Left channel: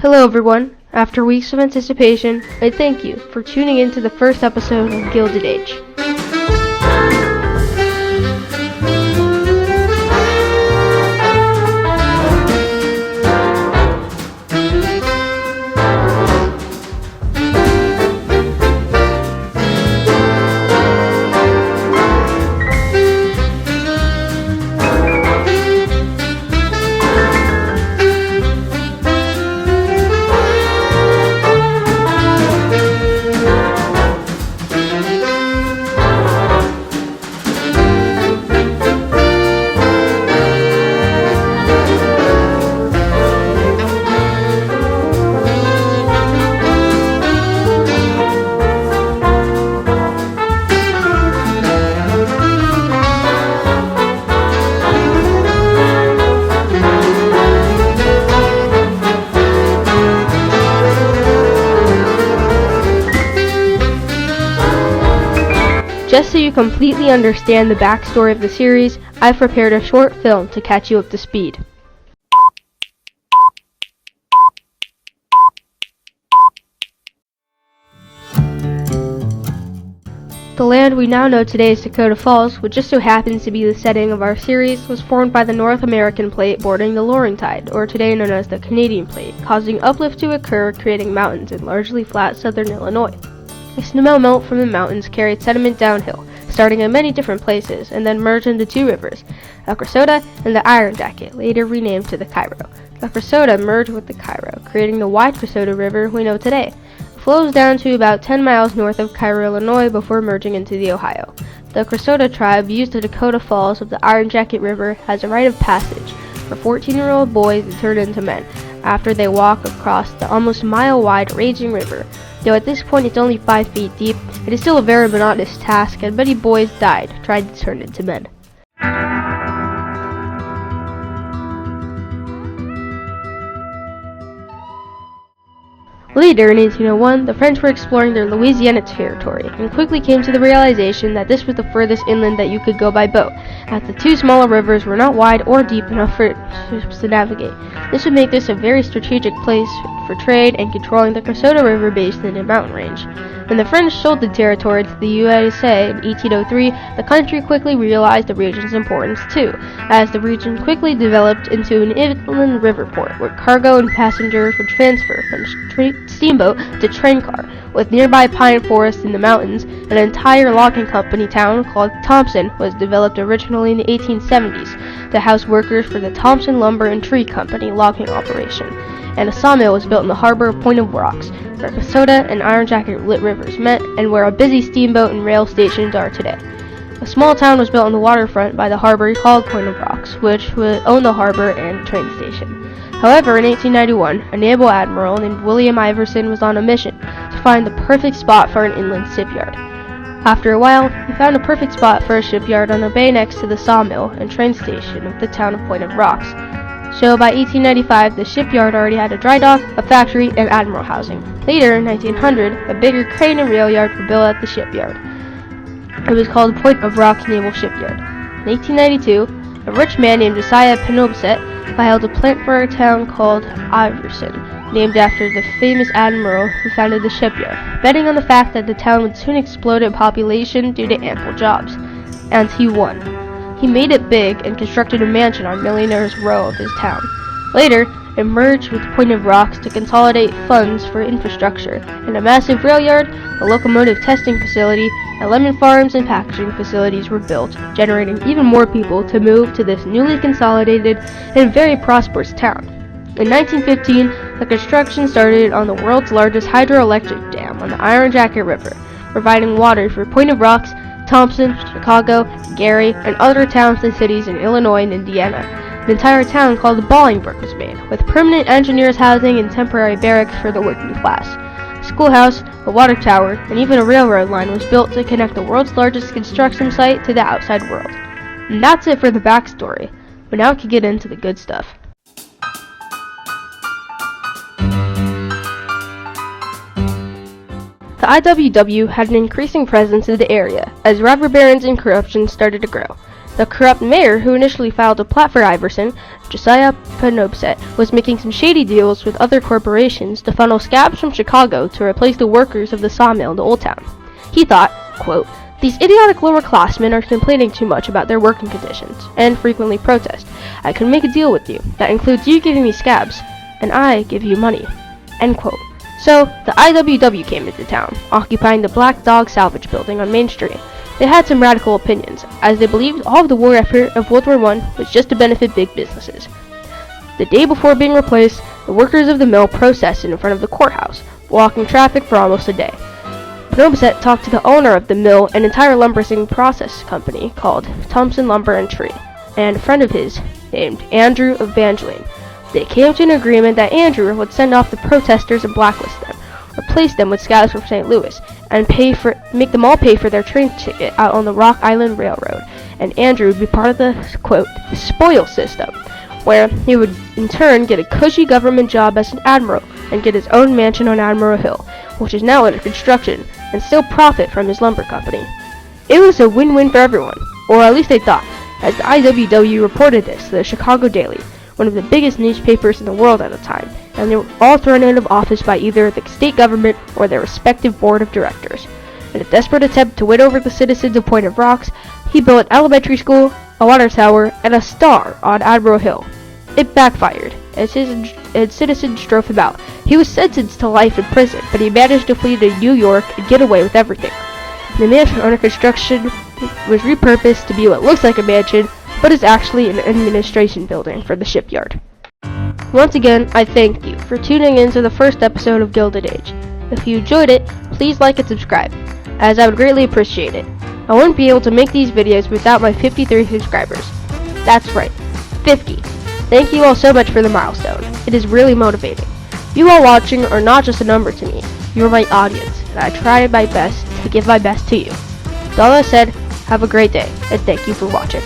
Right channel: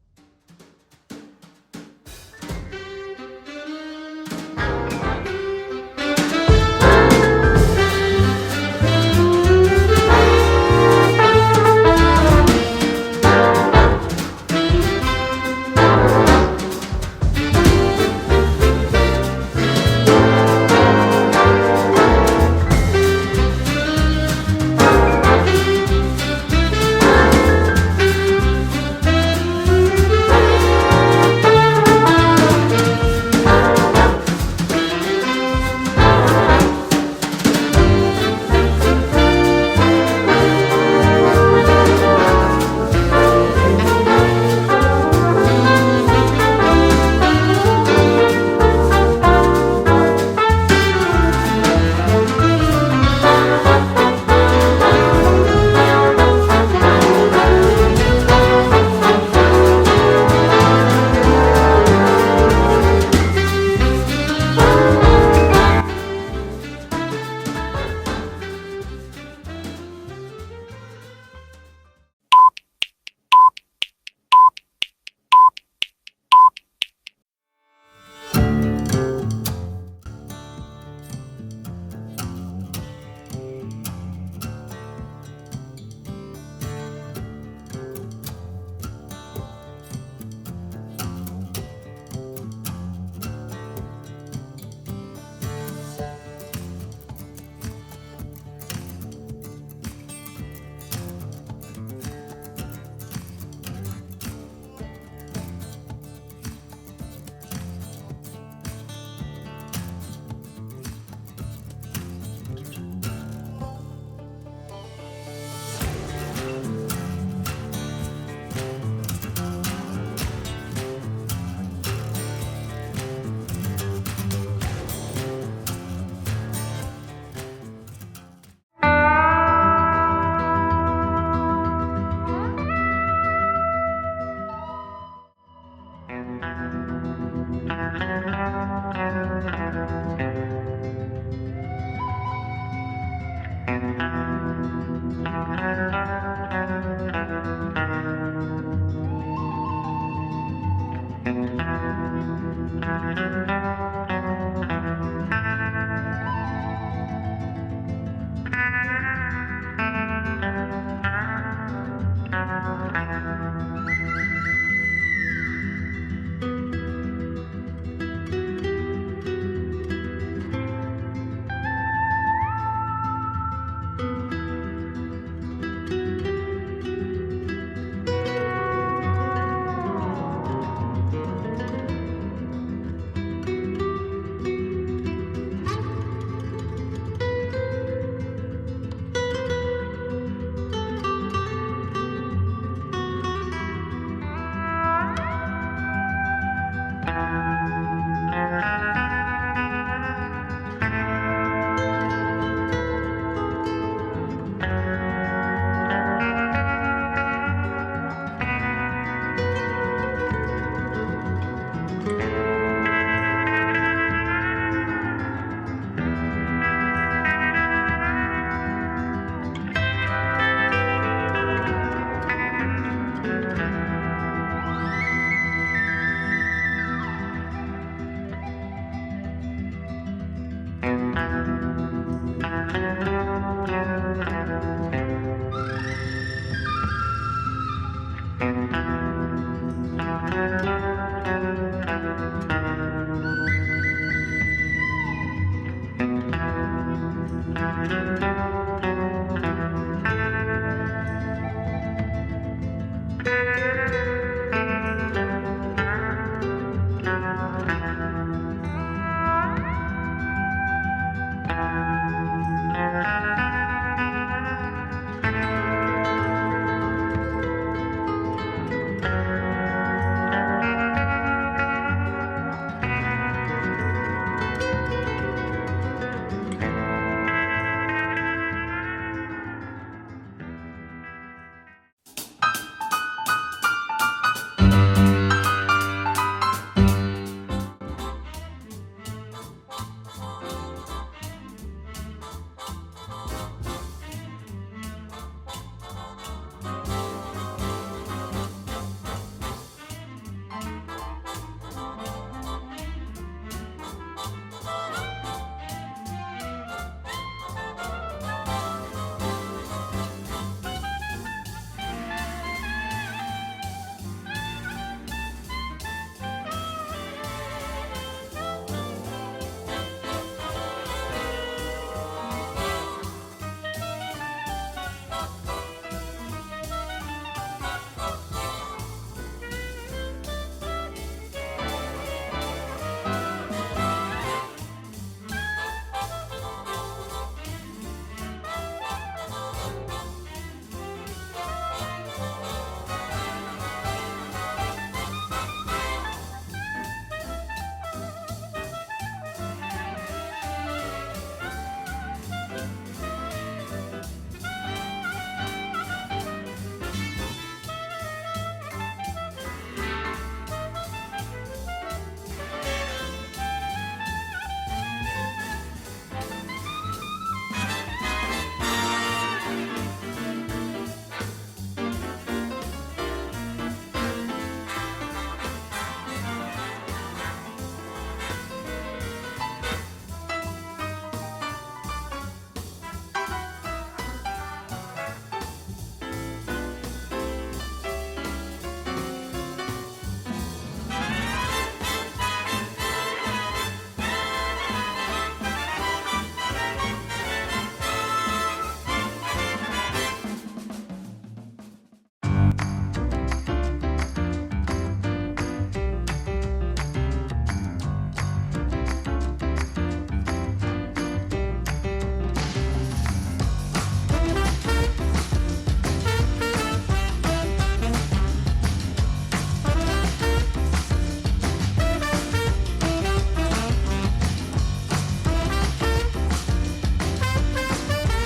Hello everyone. After weeks of anticipation, I thank you for tuning in to the first episode of Gilded Age. Just so you completely understand the backstory of the series, I've prepared a short film to catch you up to speed. The land we now know today as Dakota Falls, which just so happens to be the setting of our series, was formed by the North American plate bordering the Laurentide, or today known as the Canadian plate, causing uplift to occur, creating mountains in largely flat southern Illinois. The snow melt from the mountains carried sediment downhill, starting in many different places, and then merged into two rivers, the Cressota and the Iron Jacket, later renamed to the Cairo. The Cressota merged with the Cairo, creating the wide Cressota River we know today. It flows down to about 10 miles north of Cairo, Illinois, before merging into the Ohio. The Cressota tribe used the Dakota Falls of the Iron Jacket River as a rite of passage for 14-year-old boys to turn into men, after they walk across the almost mile-wide raging river. Though at this point it's only 5 feet deep, it is still a very monotonous task, and many boys died trying to turn into men. Later, in 1801, the French were exploring their Louisiana territory, and quickly came to the realization that this was the furthest inland that you could go by boat, as the two smaller rivers were not wide or deep enough for ships to navigate. This would make this a very strategic place for trade and controlling the Cressota River basin and mountain range. When the French sold the territory to the USA in 1803, the country quickly realized the region's importance too, as the region quickly developed into an inland river port where cargo and passengers would transfer from steamboat to train car. With nearby pine forests in the mountains, an entire logging company town called Thompson was developed originally in the 1870s to house workers for the Thompson Lumber and Tree Company logging operation. And a sawmill was built in the harbor of Point of Rocks, where Cressota and Iron Jacket rivers met, and where a busy steamboat and rail stations are today. A small town was built on the waterfront by the harbor called Point of Rocks, which would own the harbor and train station. However, in 1891, a naval admiral named William Iverson was on a mission to find the perfect spot for an inland shipyard. After a while, he found a perfect spot for a shipyard on a bay next to the sawmill and train station of the town of Point of Rocks. So by 1895, the shipyard already had a dry dock, a factory, and admiral housing. Later, in 1900, a bigger crane and rail yard were built at the shipyard. It was called Point of Rocks Naval Shipyard. In 1892, a rich man named Josiah Penobscot filed a plant for a town called Iverson, named after the famous admiral who founded the shipyard, betting on the fact that the town would soon explode in population due to ample jobs. And he won. He made it big and constructed a mansion on Millionaire's Row of his town. Later, it merged with Point of Rocks to consolidate funds for infrastructure, and a massive rail yard, a locomotive testing facility, and lemon farms and packaging facilities were built, generating even more people to move to this newly consolidated and very prosperous town. In 1915, the construction started on the world's largest hydroelectric dam on the Iron Jacket River, providing water for Point of Rocks, Thompson, Chicago, Gary, and other towns and cities in Illinois and Indiana. An entire town called Bolingbrook was made, with permanent engineers housing and temporary barracks for the working class. A schoolhouse, a water tower, and even a railroad line was built to connect the world's largest construction site to the outside world. And that's it for the backstory, but now we can get into the good stuff. The IWW had an increasing presence in the area as robber barons and corruption started to grow. The corrupt mayor who initially filed a plot for Iverson, Josiah Penobset, was making some shady deals with other corporations to funnel scabs from Chicago to replace the workers of the sawmill in the Old Town. He thought, quote, "These idiotic lower-classmen are complaining too much about their working conditions, and frequently protest. I can make a deal with you that includes you giving me scabs, and I give you money." End quote. So, the IWW came into town, occupying the Black Dog Salvage Building on Main Street. They had some radical opinions, as they believed all of the war effort of World War I was just to benefit big businesses. The day before being replaced, the workers of the mill protested in front of the courthouse, blocking traffic for almost a day. Penobset talked to the owner of the mill, an entire lumber process company called Thompson Lumber and Tree, and a friend of his named Andrew Evangeline. They came to an agreement that Andrew would send off the protesters and blacklist them, replace them with scouts from St. Louis, and make them all pay for their train ticket out on the Rock Island Railroad. And Andrew would be part of the, quote, spoil system, where he would in turn get a cushy government job as an admiral and get his own mansion on Admiral Hill, which is now under construction, and still profit from his lumber company. It was a win-win for everyone, or at least they thought, as the IWW reported this to the Chicago Daily, one of the biggest newspapers in the world at the time, and they were all thrown out of office by either the state government or their respective board of directors. In a desperate attempt to win over the citizens of Point of Rocks, he built an elementary school, a water tower, and a star on Admiral Hill. It backfired, as citizens drove him out. He was sentenced to life in prison, but he managed to flee to New York and get away with everything. The mansion under construction was repurposed to be what looks like a mansion, but is actually an administration building for the shipyard. Once again, I thank you for tuning in to the first episode of Gilded Age. If you enjoyed it, please like and subscribe, as I would greatly appreciate it. I wouldn't be able to make these videos without my 53 subscribers. That's right, 50. Thank you all so much for the milestone. It is really motivating. You all watching are not just a number to me. You are my audience, and I try my best to give my best to you. With all that said, have a great day, and thank you for watching.